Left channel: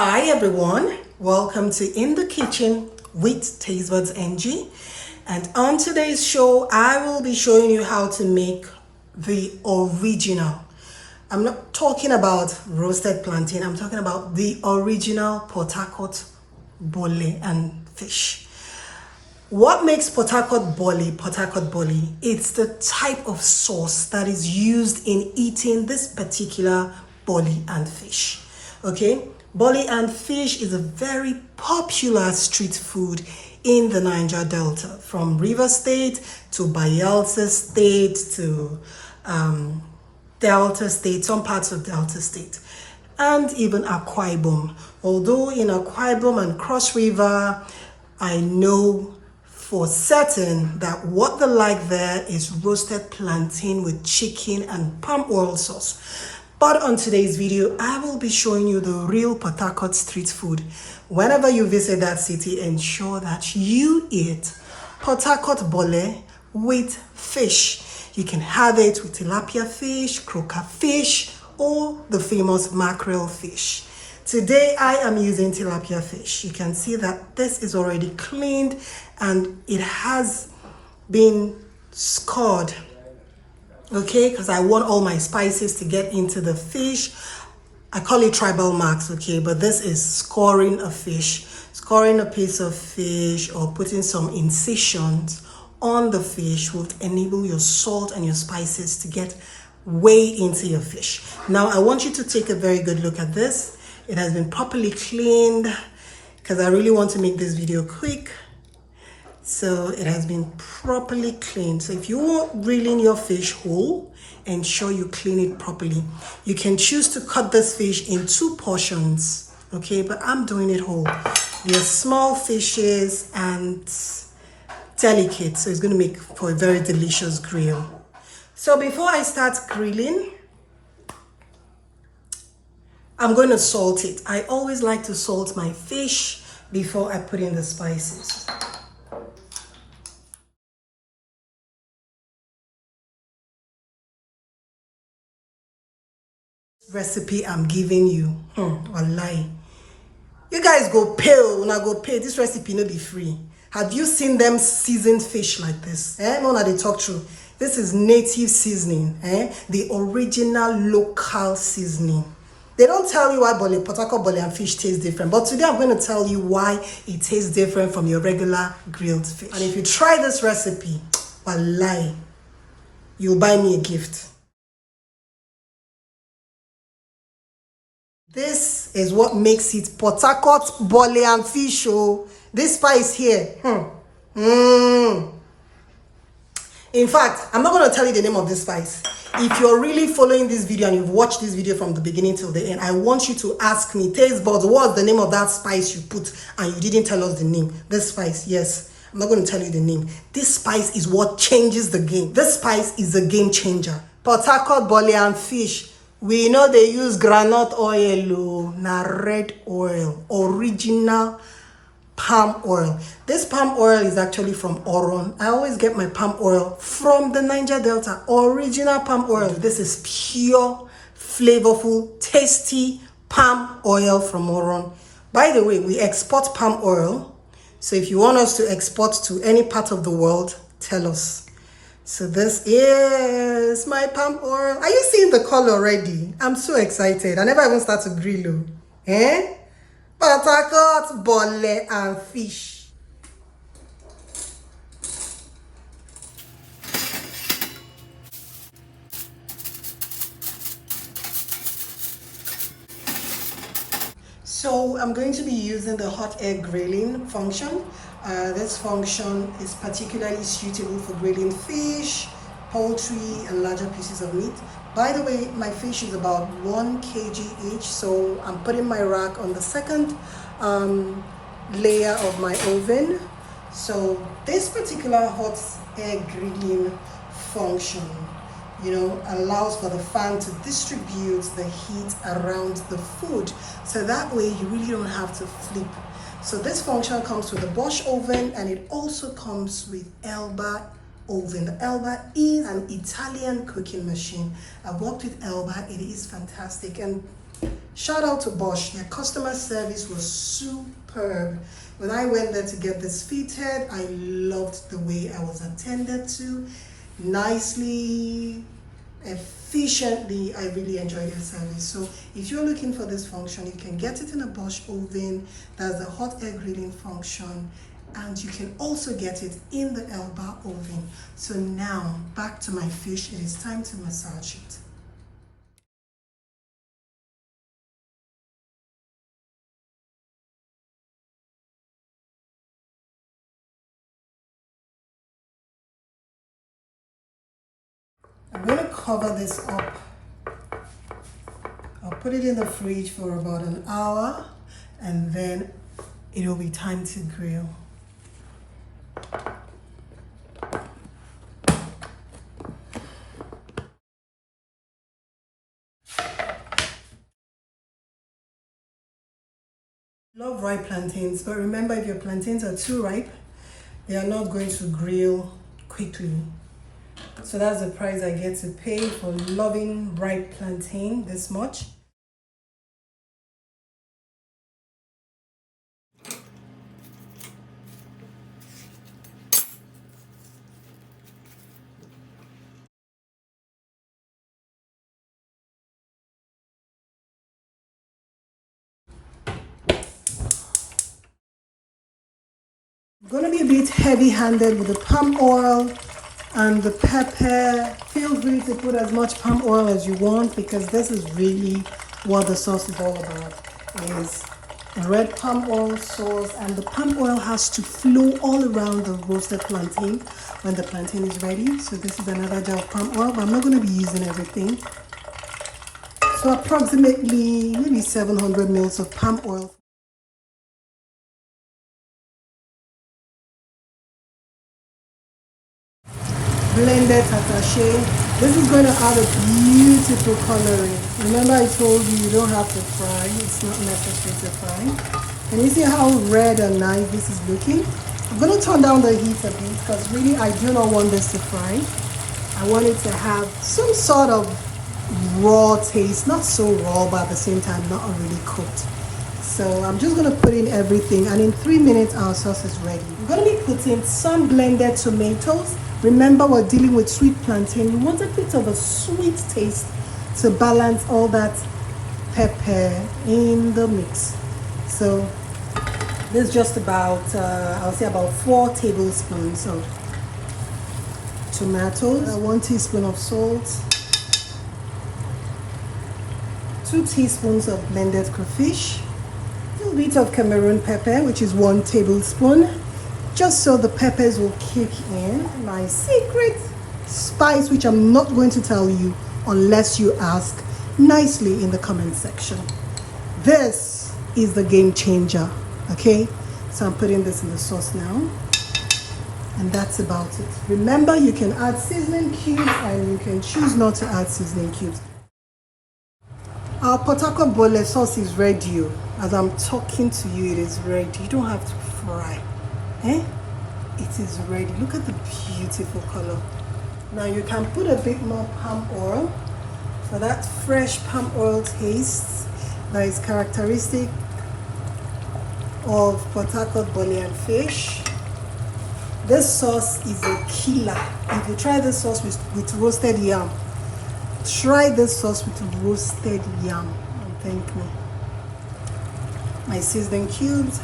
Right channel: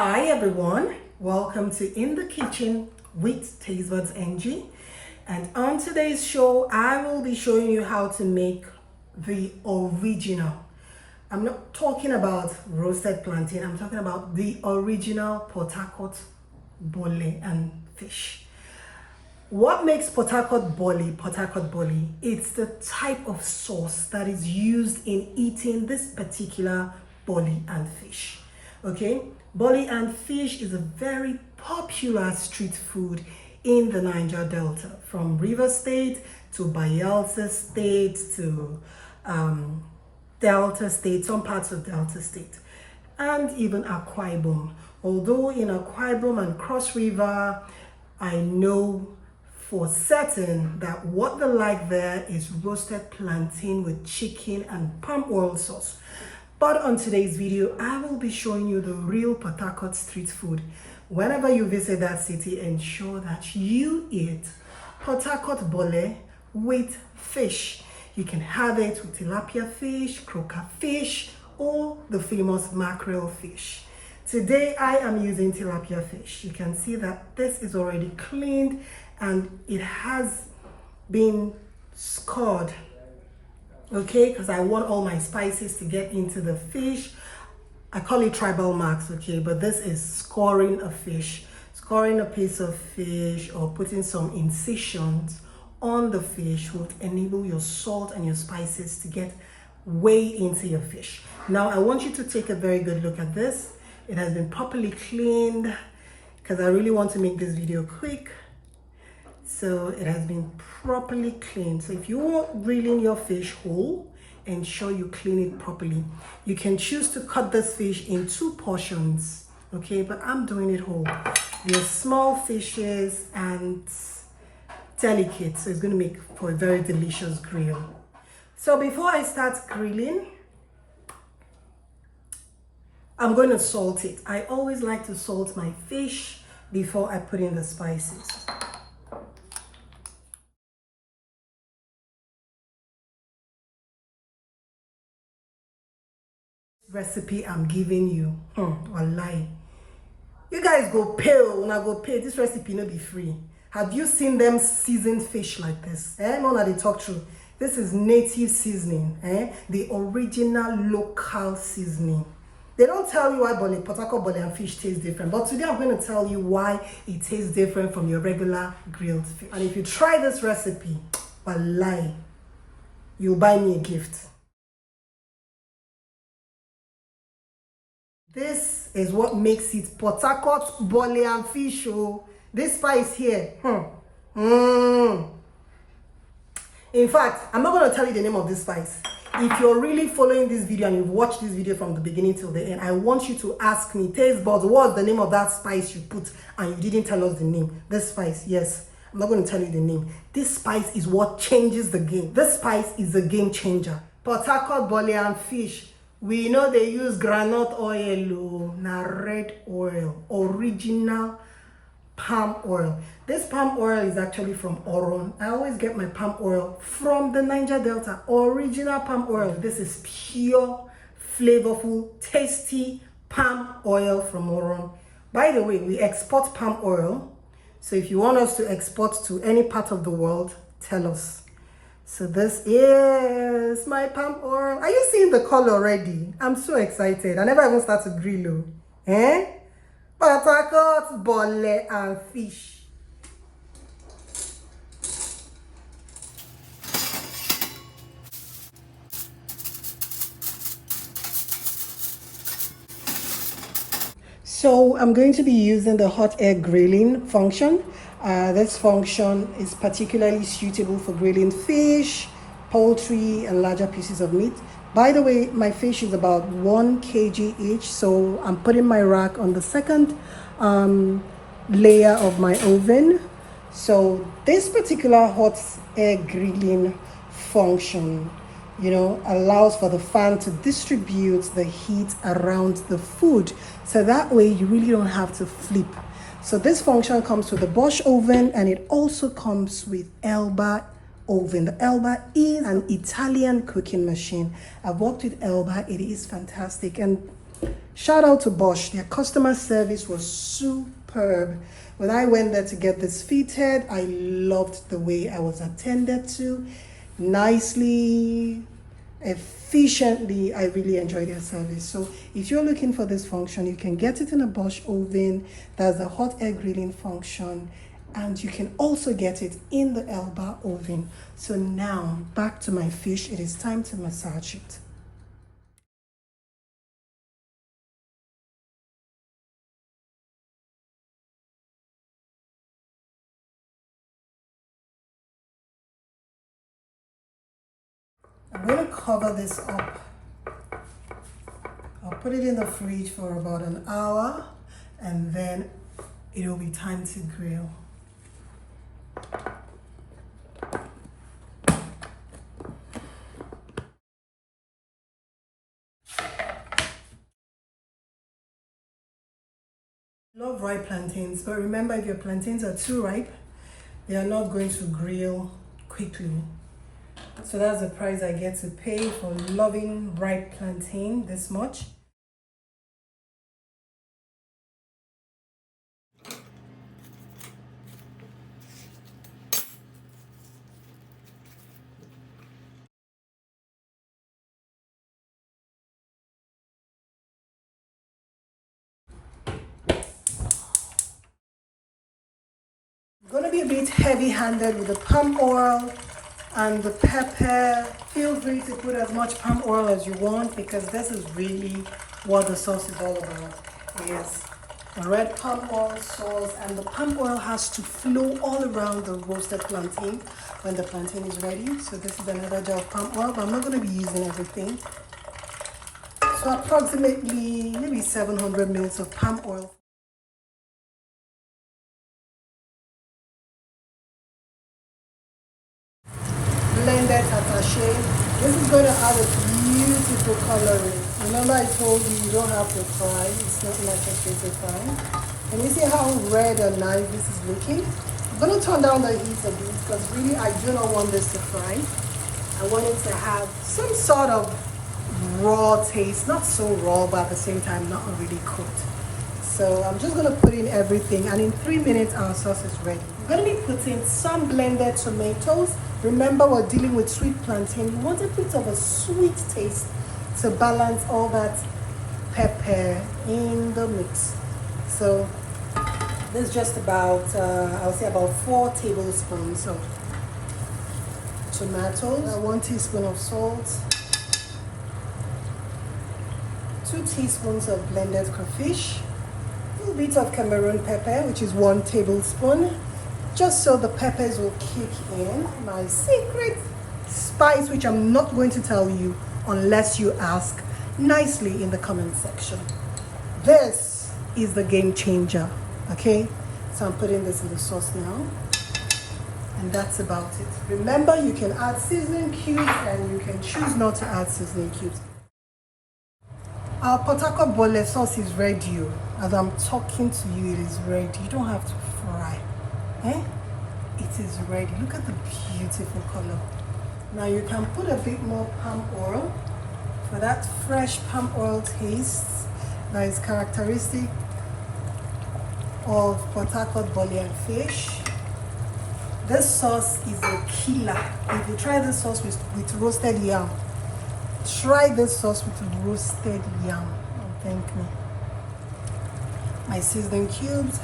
Hi everyone, welcome to In the Kitchen with Tastebudzng. And on today's show, I will be showing you how to make the original. I'm not talking about roasted plantain, I'm talking about the original Port-harcourt Bole and Fish. What makes Port-harcourt Bole? It's the type of sauce that is used in eating this particular Bole and Fish. Okay, Bole and Fish is a very popular street food in the Niger Delta, from River State to Bayelsa State to Delta State, some parts of Delta State, and even Akwa Ibom. Although in Akwa Ibom and Cross River, I know for certain that what they like there is roasted plantain with chicken and palm oil sauce. But on today's video, I will be showing you the real Port-harcourt street food. Whenever you visit that city, ensure that you eat Port-harcourt Bole with fish. You can have it with tilapia fish, croaker fish, or the famous mackerel fish. Today, I am using tilapia fish. You can see that this is already cleaned and it has been scored. Okay, because I want all my spices to get into the fish. I call it tribal marks, okay, but this is scoring a fish, scoring a piece of fish or putting some incisions on the fish will enable your salt and your spices to get way into your fish. Now, I want you to take a very good look at this. It has been properly cleaned because I really want to make this video quick. So it has been properly cleaned. So if you want grilling your fish whole, ensure you clean it properly. You can choose to cut this fish in 2 portions, okay? But I'm doing it whole. They're small fishes and delicate, so it's going to make for a very delicious grill. So before I start grilling, I'm going to salt it. I always like to salt my fish before I put in the spices. Recipe I'm giving you, wallahi, you guys go pay. When I go pay, this recipe no be free. Have you seen them seasoned fish like this? No, they talk true. This is native seasoning, the original local seasoning. They don't tell you why Port-harcourt Bole and Fish taste different, but today I'm going to tell you why it tastes different from your regular grilled fish. And if you try this recipe, wallahi, you'll buy me a gift. This is what makes it Port-harcourt Bole and Fish. Oh, this spice here. In fact, I'm not going to tell you the name of this spice. If you're really following this video and you've watched this video from the beginning till the end, I want you to ask me, Taste Buds, what's the name of that spice you put and you didn't tell us the name? This spice, yes. I'm not going to tell you the name. This spice is what changes the game. This spice is a game changer. Port-harcourt Bole and Fish. We know they use groundnut oil, na red oil, original palm oil. This palm oil is actually from Oron. I always get my palm oil from the Niger Delta, original palm oil. This is pure, flavorful, tasty palm oil from Oron. By the way, we export palm oil. So if you want us to export to any part of the world, tell us. So this is my palm oil. Are you seeing the color already? I'm so excited. I never even start to grill. Port-harcourt Bole and Fish. So I'm going to be using the hot air grilling function. This function is particularly suitable for grilling fish, poultry, and larger pieces of meat. By the way, my fish is about 1 kg each, so I'm putting my rack on the second layer of my oven. So this particular hot air grilling function, allows for the fan to distribute the heat around the food. So that way you really don't have to flip. So this function comes with the Bosch oven and it also comes with Elba oven. The Elba is an Italian cooking machine. I've worked with Elba, it is fantastic. And Shout out to Bosch. Their customer service was superb. When I went there to get this fitted, I loved the way I was attended to. Nicely, efficiently. I really enjoyed their service. So if you're looking for this function, you can get it in a Bosch oven. That's the hot air grilling function. And you can also get it in the Elba oven. So now, back to my fish. It is time to massage it. I'm going to cover this up. I'll put it in the fridge for about an hour and then it will be time to grill. Love ripe plantains, but remember, if your plantains are too ripe, they are not going to grill quickly. So that's the price I get to pay for loving ripe plantain this much. I'm going to be a bit heavy-handed with the palm oil and the pepper. Feel free to put as much palm oil as you want, because this is really what the sauce is all about. It is red palm oil sauce, and the palm oil has to flow all around the roasted plantain when the plantain is ready. So this is another jar of palm oil, but I'm not going to be using everything. So approximately maybe 700 ml of palm oil. Blended attaché. This is going to add a beautiful coloring. Remember I told you don't have to fry. It's not necessary to fry. And you see how red and nice this is looking? I'm going to turn down the heat a bit because really I do not want this to fry. I want it to have some sort of raw taste. Not so raw, but at the same time not really cooked. So I'm just going to put in everything, and in 3 minutes our sauce is ready. We're going to be putting some blended tomatoes. Remember, we're dealing with sweet plantain. You want a bit of a sweet taste to balance all that pepper in the mix. So this is just about, I'll say about 4 tablespoons of tomatoes, 1 teaspoon of salt, 2 teaspoons of blended crayfish, a bit of Cameroon pepper, which is 1 tablespoon, just so the peppers will kick in. My secret spice, which I'm not going to tell you unless you ask nicely in the comment section. This is the game changer, okay? So I'm putting this in the sauce now, and that's about it. Remember, you can add seasoning cubes and you can choose not to add seasoning cubes. Our Port-harcourt Bole sauce is ready. As I'm talking to you, it is ready. You don't have to fry. It is ready. Look at the beautiful color. Now you can put a bit more palm oil for that fresh palm oil taste that is characteristic of Port-harcourt Bole and Fish. This sauce is a killer. If you try this sauce with roasted yam, try this sauce with roasted yam and thank me. My seasoning cubes.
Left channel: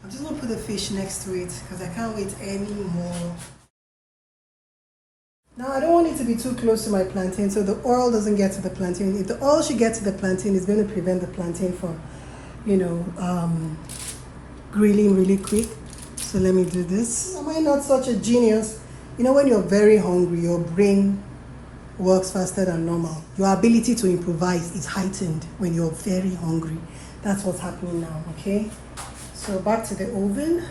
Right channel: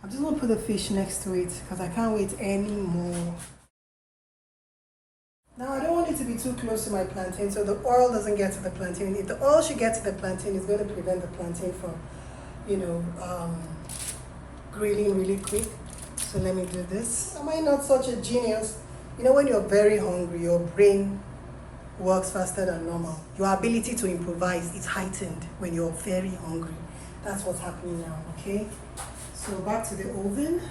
I'm just going to put the fish next to it because I can't wait anymore. Now I don't want it to be too close to my plantain so the oil doesn't get to the plantain. If the oil should get to the plantain, it's going to prevent the plantain from, grilling really quick. So let me do this. Am I not such a genius? When you're very hungry, your brain works faster than normal. Your ability to improvise is heightened when you're very hungry. That's what's happening now, okay? So back to the oven.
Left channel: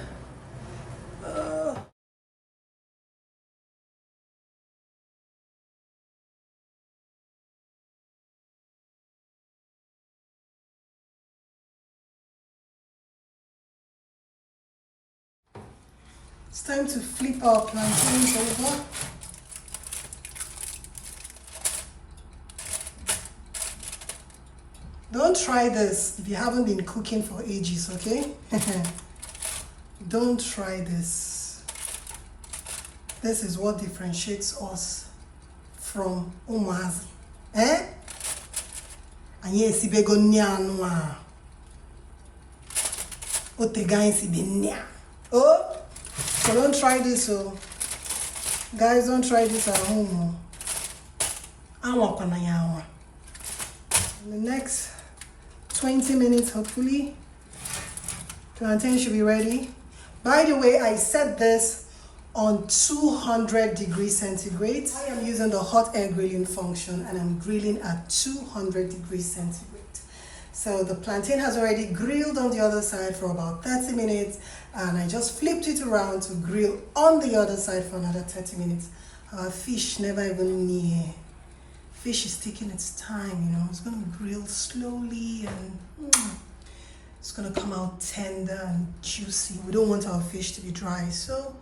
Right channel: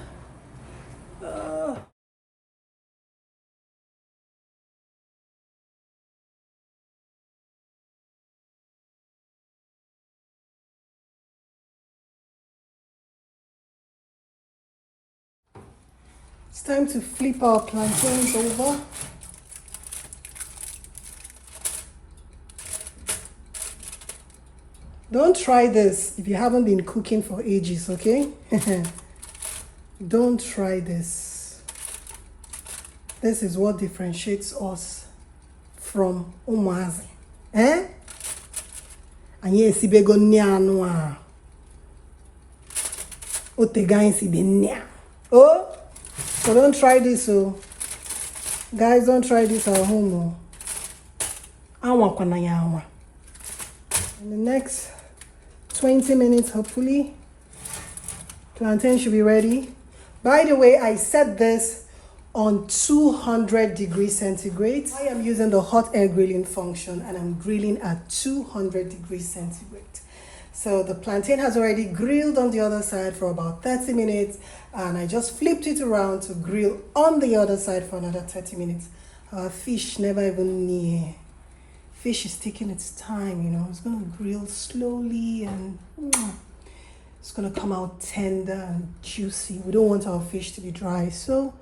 It's time to flip our plantains over. Don't try this if you haven't been cooking for ages, okay? Don't try this. This is what differentiates us from Omazi. Eh? Anye si bego nyano a. O te gan si be nya. Oh, so don't try this, oh. Guys, don't try this at home. Awa kwana yawa. In the next 20 minutes, hopefully, plantain should be ready. By the way, I set this on 200 degrees centigrade. I am using the hot air grilling function and I'm grilling at 200 degrees centigrade. So the plantain has already grilled on the other side for about 30 minutes and I just flipped it around to grill on the other side for another 30 minutes. Our fish never even near. Fish is taking its time, you know. It's gonna grill slowly and it's gonna come out tender and juicy. We don't want our fish to be dry, so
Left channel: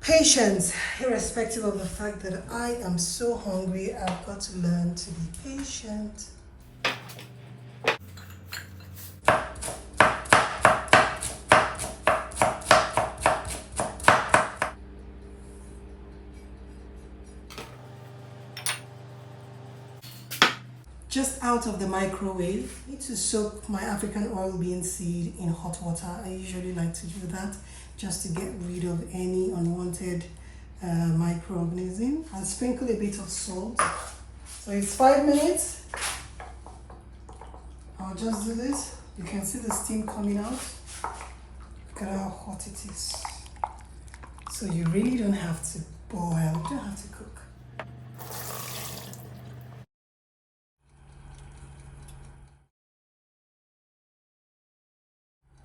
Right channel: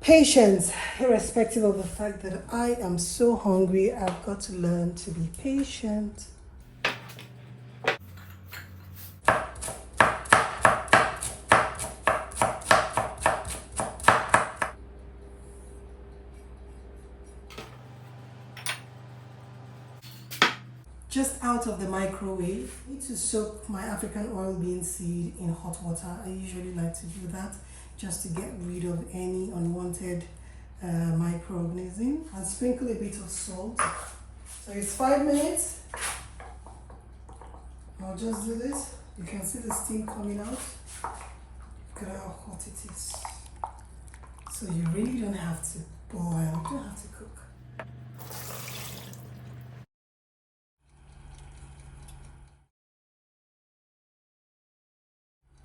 patience, irrespective of the fact that I am so hungry. I've got to learn to be patient. Just out of the microwave. I need to soak my African oil bean seed in hot water. I usually like to do that just to get rid of any unwanted microorganism, and sprinkle a bit of salt. So it's 5 minutes. I'll just do this. You can see the steam coming out. Look at how hot it is. So you really don't have to boil, you don't have to cook.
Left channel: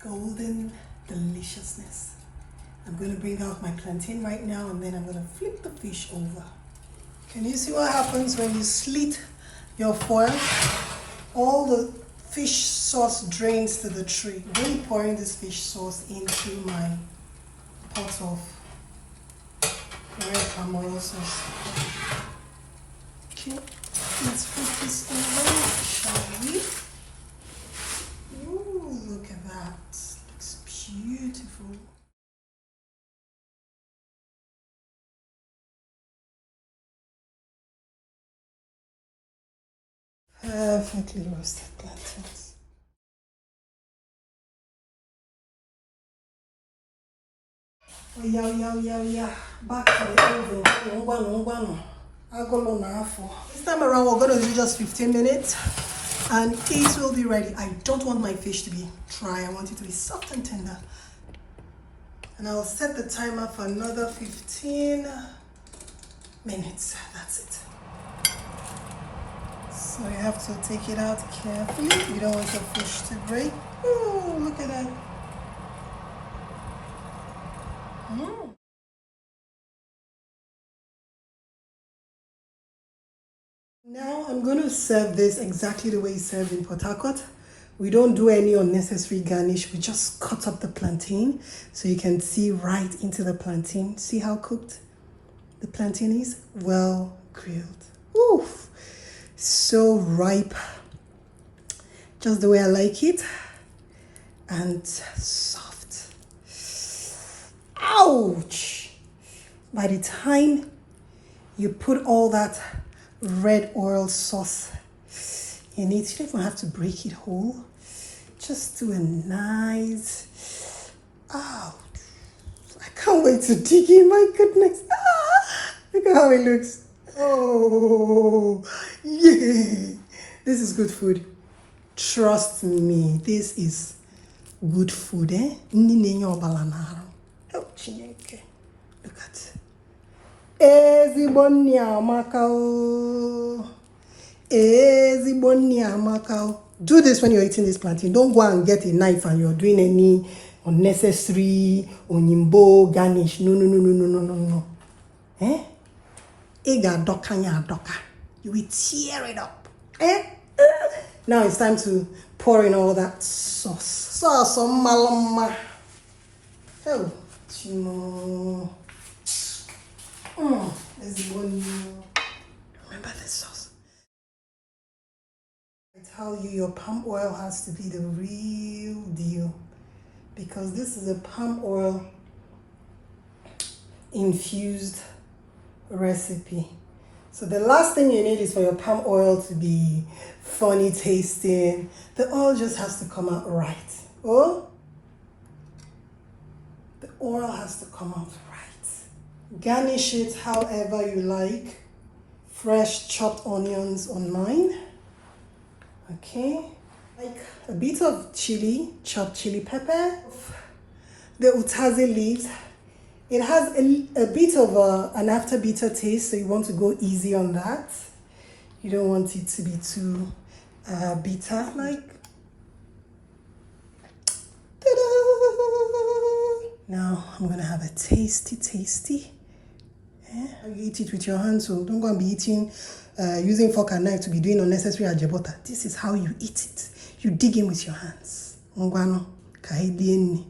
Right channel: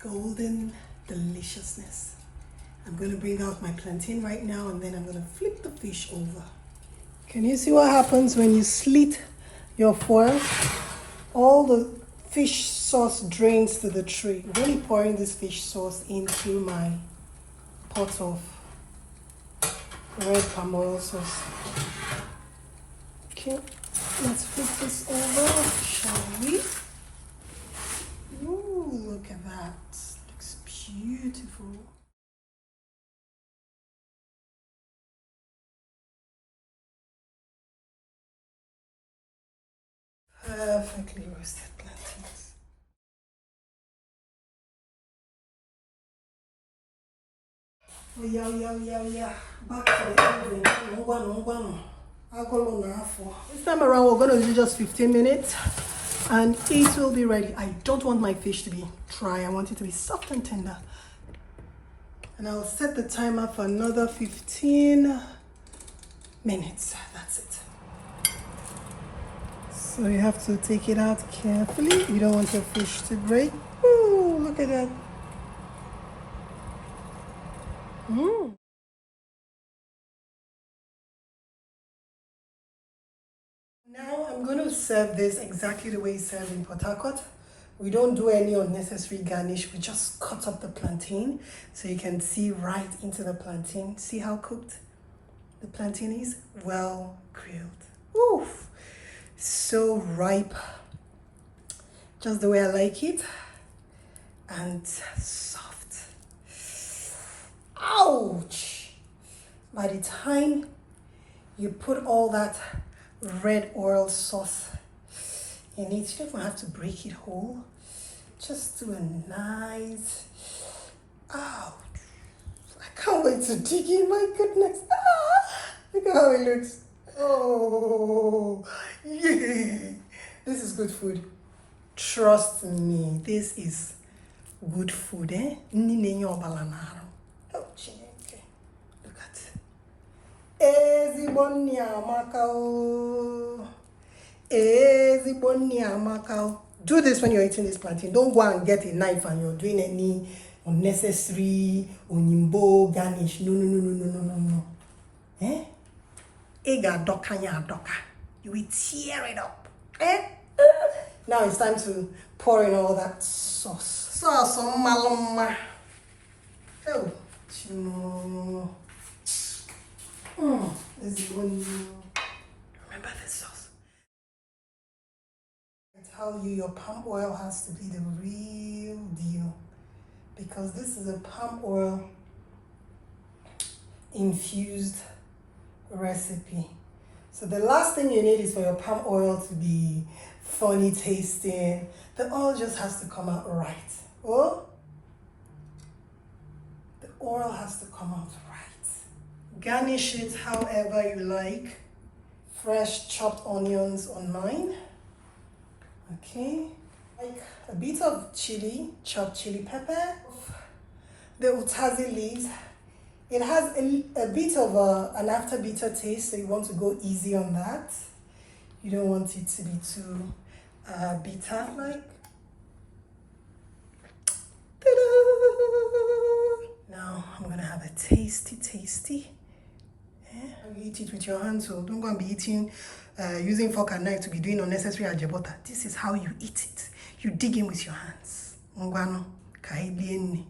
Golden deliciousness. I'm going to bring out my plantain right now and then I'm going to flip the fish over. Can you see what happens when you slit your foil? All the fish sauce drains to the tray. I'm really pouring this fish sauce into my pot of red palm oil sauce. Okay, let's flip this over, shall we? Ooh, look at that. Looks beautiful. Perfectly roasted plantains. Oh, yeah. Back to the oven. This time around, we're going to do just 15 minutes. And it will be ready. I don't want my fish to be dry. I want it to be soft and tender. And I'll set the timer for another 15 minutes. That's it. So you have to take it out carefully. You don't want your fish to break. Ooh, look at that. Now I'm going to serve this exactly the way it's served in Port-harcourt. We don't do any unnecessary garnish. We just cut up the plantain so you can see right into the plantain. See how cooked the plantain is? Well grilled. Oof! So ripe. Just the way I like it. And soft. Ouch! By the time you put all that red oil sauce in it, you don't even have to break it whole. Just do a nice, oh, I can't wait to dig in, my goodness. Look at how it looks. Oh, yeah. This is good food. Trust me, this is good food, eh? Look at do this when you're eating this plantain. Don't go and get a knife and you're doing any unnecessary onimbo garnish. No. Eh? You will tear it up. Eh? Now it's time to pour in all that sauce. Sauce on malama. Oh, Chino. This is one you remember this sauce. I tell you, your palm oil has to be the real deal, because this is a palm oil infused recipe. So the last thing you need is for your palm oil to be funny tasting. The oil just has to come out right. Oh, the oil has to come out right. Garnish it however you like. Fresh chopped onions on mine. Okay, like a bit of chili, chopped chili pepper. The utazi leaves. It has a bit of an after bitter taste, so you want to go easy on that. You don't want it to be too bitter. Like, ta-da! Now I'm gonna have a tasty. You eat it with your hands, so don't go and be eating using fork and knife to be doing unnecessary ajebota. This is how you eat it. You dig in with your hands. Ngwano, kahidieni.